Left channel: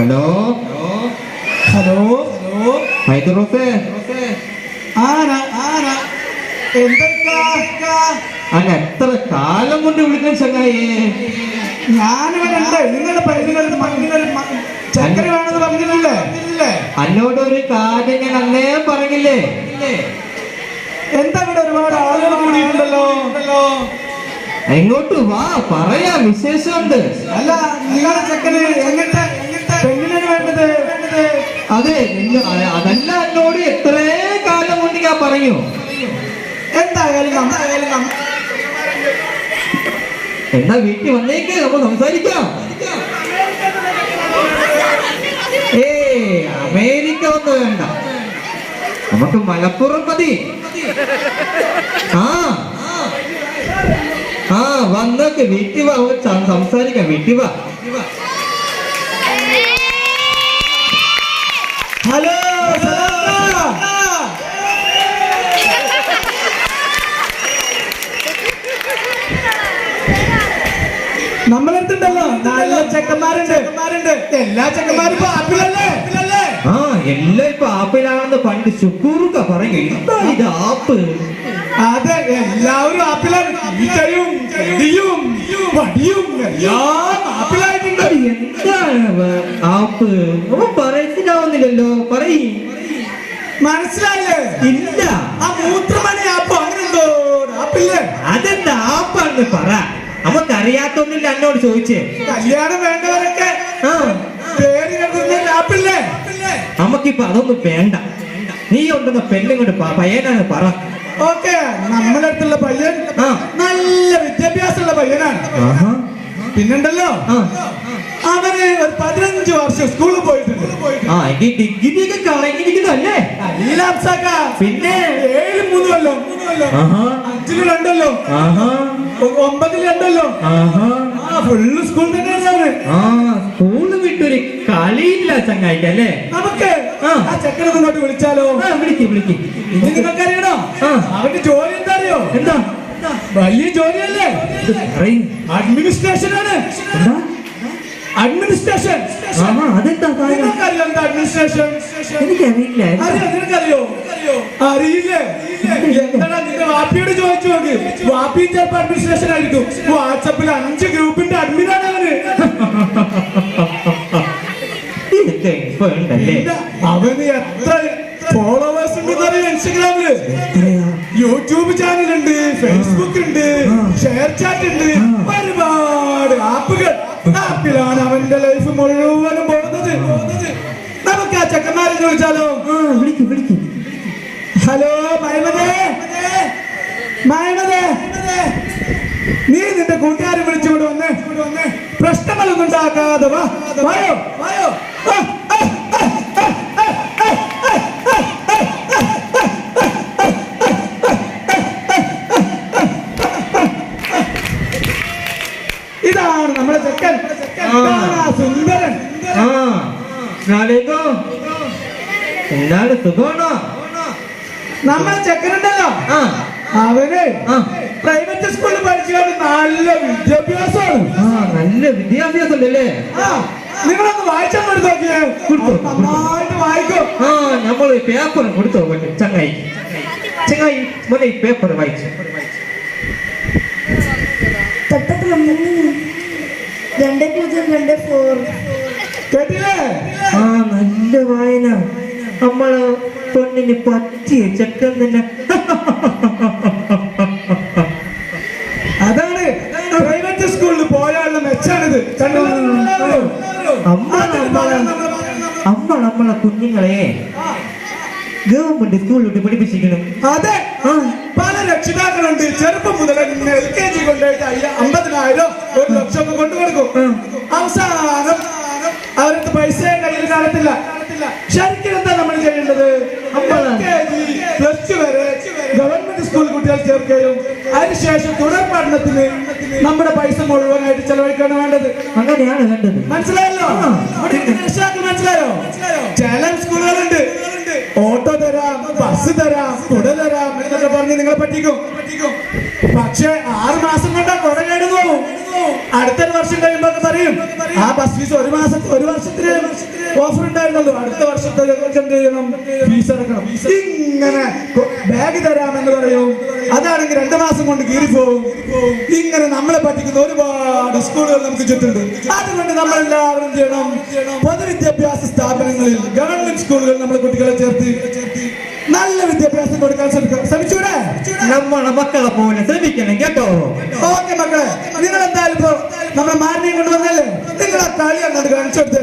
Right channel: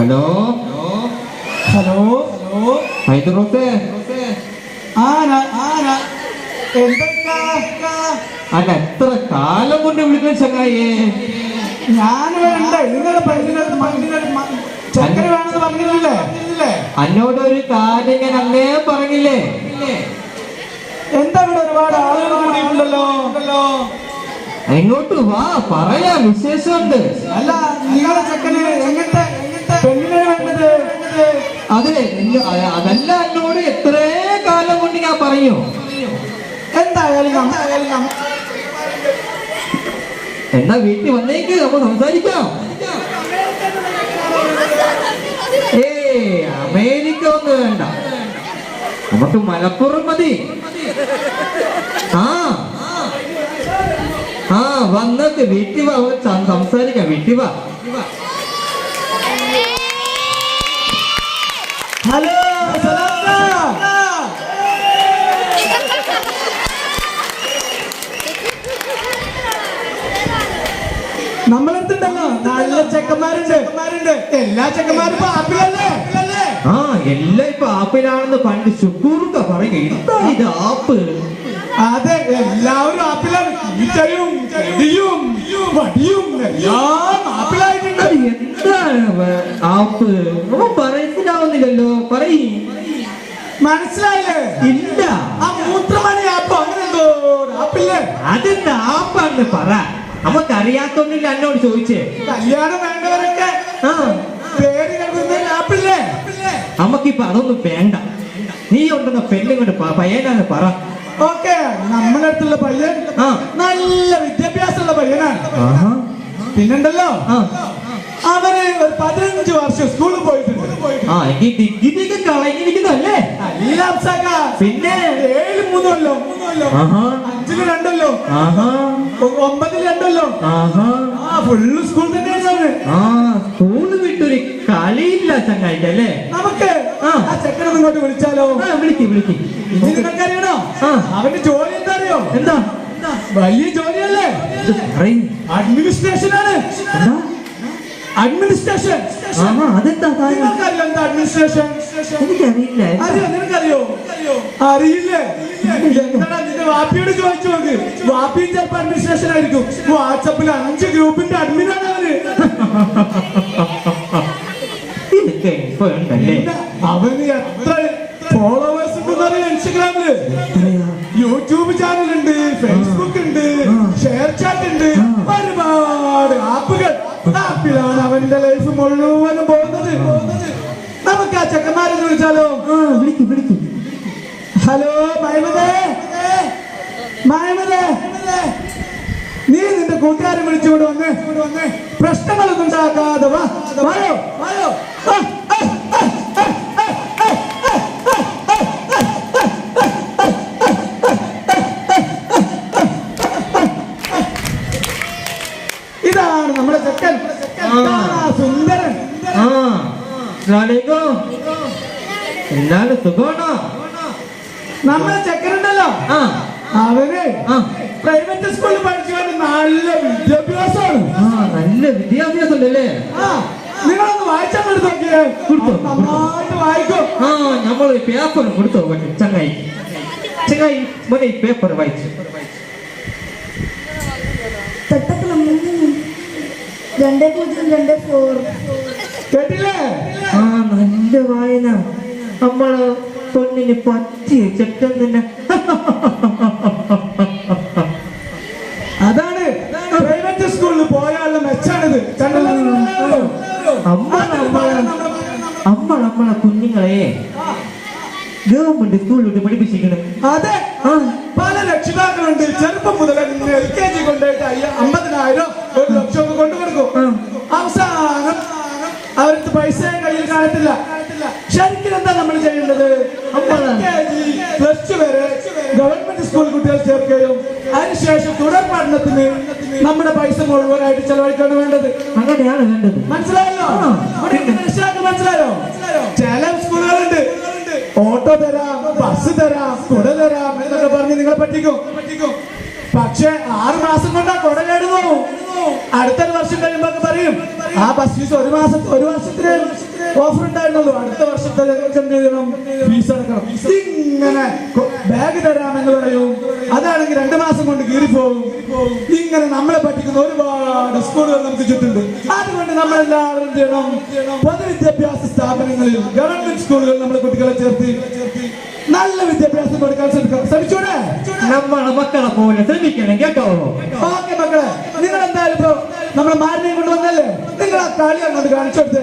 Hello hello ഹൈദറോസേ അല്ല എത്ര കാലം കൊണ്ട് വിളിക്കുന്ന ചങ്ങായേ? ഞാനിവിടെ ഉണ്ട്. ചക്കര വേണമെന്ന് പറഞ്ഞില്ലേ? എന്നോട് ഒരു കാര്യം ഞാൻ അന്നേ പറഞ്ഞില്ലേ? എന്താ ഇവിടെ ഒരുപാട് ആളുകൾ കൂടിയിട്ടുണ്ടല്ലോ. എങ്ങോട്ട് വാ, പറയാ, വിശേഷമുണ്ട്. അല്ല, നിങ്ങളുടെ ചെക്കന് എങ്ങനത്തെ പെണ്ണിനാണ് വേണ്ടത്? അതെ, അതല്ല എന്നോട് എത്രേ കാലം കൊണ്ട് ഞാൻ പറയൂ. എന്തായാലും എന്നാ വീട്ടിൽ വന്നേക്ക്, നമുക്ക് സംസാരിക്കാം. അമേരിക്ക ഒന്നും വേണ്ട, നമുക്ക് മലപ്പുറം മതി. വന്നേക്ക്, വീട്ടിൽ വാ, സംസാരിക്കാം, വീട്ടിൽ വാ. ഹലോ, നമ്മളെടുത്തുണ്ടല്ലോ നല്ല ചെക്കന്മാരുണ്ട്. എല്ലാ ചെക്കന്മാരും ആപ്പിലല്ലേ? എല്ലാം ഇപ്പൊ ആപ്പിലാണെന്ന് പണ്ട് ശുക്കൂറുക്ക പറയും. എന്താണ് ഇത് ആപ്പ്? അതെ, എല്ലാവരും ആപ്പിലാണ്. വടിയും എല്ലാം ആപ്പിലായിട്ടുണ്ട്. എന്താണ് ആപ്പ്? മനസ്സിലാവുന്നില്ലല്ലോ, പറയും. മനസ്സിലായില്ലേ? ഇല്ല. ആ മൂത്രമണി ആപ്പ് അങ്ങനെന്തോ ആപ്പില്ലേ? അതെന്താ ആപ്പാണെന്ന് പറ, നമുക്കറിയാത്തൊന്നില്ല. എന്നോട് ചോദിച്ചേ. കല്യാണം വേണ്ടവരൊക്കെ പേര് കേൾക്കുന്ന ആപ്പില്ലേ? നമുക്കിപ്പൊ അതൊന്നും വേണ്ട. നീ ഉണ്ടെന്ന പെണ്ണിങ്ങോട്ട് പയ്യനാണ് പറ. ഓക്കെ, നമ്മുടെ അടുത്തുള്ള പയ്യൻ നല്ല വിദ്യാഭ്യാസമുള്ള പയ്യനാണ്. പിന്നെണ്ടല്ലോ, അവര് ഒരു 15 വർഷം സ്കൂളിൽ പോയിട്ടുണ്ട്. ഡിഗ്രി ഒക്കെ കളഞ്ഞിരിക്കുന്നല്ലേ? പിന്നെ 7-3 കൊല്ലം, 5-2 കൊല്ലം, 9 കൊല്ലം, ഫുള്ള് സ്കൂൾ തന്നെയാണ്. സ്കൂള് വിട്ടൊരു കളിയില്ല ചങ്ങായിക്കല്ലേ? നമുക്ക് ആ ചെക്കനൊന്നും ഇങ്ങോട്ട് വിളിച്ചാലോ? വിളിക്ക്. ഇത് നിങ്ങൾക്കറിയണോ? അവന്റെ ജോലി എന്താ അറിയോ? എന്താ? വലിയ ജോലിയല്ലേ? അഡ്മിനിസ്ട്രേഷൻ ആണ്. അഡ്മിനിസ്ട്രേഷൻ. അതെന്താ? നിങ്ങൾക്കറിയോ എന്താ അഡ്മിനിസ്ട്രേഷൻ? എനിക്കറിയില്ല. നിനക്കറിയോ? അറിയില്ലേ? എന്താണ് നിന്റെ വാപ്പിയോട് ചോദിച്ചു നോക്ക്. വാപ്പി ചിലപ്പോ അഡ്മിനിസ്ട്രേഷൻ ആയിരിക്കും. വാട്സപ്പിൽ 5 ഗ്രൂപ്പിന്റെ അഡ്മിനാണ് അവന്. അവന് എത്ര ഫോളോവേഴ്സ് ഉണ്ടെന്നറിയോ? ഇൻസ്റ്റഗ്രാമില്, യൂട്യൂബ് ചാനലുണ്ട്, ഫേസ്ബുക്ക് ഉണ്ട്, ഷെയർ ചാറ്റ് ഉണ്ട്, ഒരുപാട് ആപ്പിലാണ് അവന്റെ ലൈഫ് മുഴുവനും പോകുന്നത്. നമുക്ക് ആ ചെക്കന്മാരെ ചോദിച്ചാലോ? വിളിക്കും. ഹലോ മൈമതേ, നീ നിന്റെ കൂട്ടുകാരെ വിളിച്ചുകൊണ്ട് വന്ന് പ്രശ്നങ്ങളൊന്നും ഉണ്ടാക്കാതെ വായോ. ഇതാണ് നമ്മളെ ചെക്കൻ, സുന്ദരൻ. എന്താണ്, സുഖമാണോ? നമ്മളെ ചെക്കനുണ്ടല്ലോ, അവന് പ്രൈവറ്റ് സ്കൂളിൽ പഠിച്ചുകൊണ്ട് നല്ല വിദ്യാഭ്യാസമാണ്. നല്ല വിദ്യാഭ്യാസം ഉണ്ടല്ലേ? നിങ്ങളൊന്ന് വായിച്ചാൽ നോക്കിയേ. നന്നായിട്ട് വായിക്കും. നമ്മള് പേപ്പർ കൊടുത്തോ ചങ്ങായി മോനെ, ഈ പേപ്പർ വായിച്ചു. കേട്ടില്ലേ? നല്ല വായന. നമ്മള് പെണ്ണിന് പറ്റിയ ചെക്കൻ തന്നെ. അതാണ് പ്രൈവറ്റ് സ്കൂളിൽ പോയാലുള്ള മെച്ചാണിത്. നമ്മളെ കുഞ്ഞുങ്ങളെ ഗവൺമെന്റ് സ്കൂളിലോട്ട് പഠിപ്പിച്ചിരിക്കണം. അതെ, പല രക്ഷിതാക്കളുണ്ട്. ചെറുപ്പം മുതൽ LKG കൊണ്ടുപോയിട്ട് 50,000 1 ലക്ഷം കൊണ്ടുകൊടുക്കും. അവസാനം അവർക്ക് പൈസ കയ്യിൽ കാണത്തില്ല. ശരിക്കും എന്താ നമ്മൾ ചെയ്യേണ്ടത്? LKG +2 വരെ ഗവൺമെന്റ് സ്കൂൾ കുട്ടികൾ ചേർക്കുകയും അതിനുശേഷം തുടർ പഠനത്തിന് നമ്മുടെ പൈസ മുഴുവനായിട്ട് ചെലവഴിക്കാണ് വേണ്ടത്. അങ്ങനെയാണ് വേണ്ടത്. മനസ്സിലായല്ലോ? മനസ്സിലായോ? ചില സ്കൂളുകളുണ്ട് ഓട്ടോ തരാം, ബസ് തരാം, കുട തരാം എന്നൊക്കെ പറഞ്ഞ് നിങ്ങളെ പറ്റിക്കും. പക്ഷെ 6 മാസം കൊണ്ടാ കുട കേടുന്നു. അടുത്തൊരു വർഷം കഴിയുമ്പോ പറയും ആ ബസ് ഫീസ് ഒരു വർഷത്തിന് ഓഫർ ഉണ്ടായിരുന്നല്ലോ, അടുത്ത വർഷത്തെ എന്ത് ചെയ്യണം, ഫീസ് അടക്കണം. ഇങ്ങനെ ബാഗ് തരാമെന്ന് പറയും, അതാണെങ്കിൽ 2 മാസം കൊണ്ട് കീറിപ്പോവും. ഇങ്ങനെ നമ്മളെ പറ്റിക്കുന്ന ഒരുപാട് സ്കൂളുകൾ നമുക്ക് ചുറ്റുണ്ട്. അതുകൊണ്ട് നമ്മളെല്ലാവരും എന്ത് ചെയ്യണം, പൊതുവിദ്യാഭ്യാസ സ്ഥാപനങ്ങളിൽ ഗവൺമെന്റ് സ്കൂളുകൾ നമ്മളെ കുട്ടികളെ ചേർത്ത് നല്ല വിദ്യാഭ്യാസം കൊടുക്കാൻ ശ്രമിച്ചൂടെ? നമ്മളെ മക്കളെ പോലെ ശ്രമിക്കണം കേട്ടോ. ഓക്കെ മക്കളെ, നിങ്ങൾ എന്തായാലും ഇപ്പൊ നമ്മളെ മാരിനെയും കൊണ്ടുവന്നല്ലേ, നിങ്ങൾ ആ കളി അങ്ങോട്ട് കാണിച്ചു കൊടുത്തേ.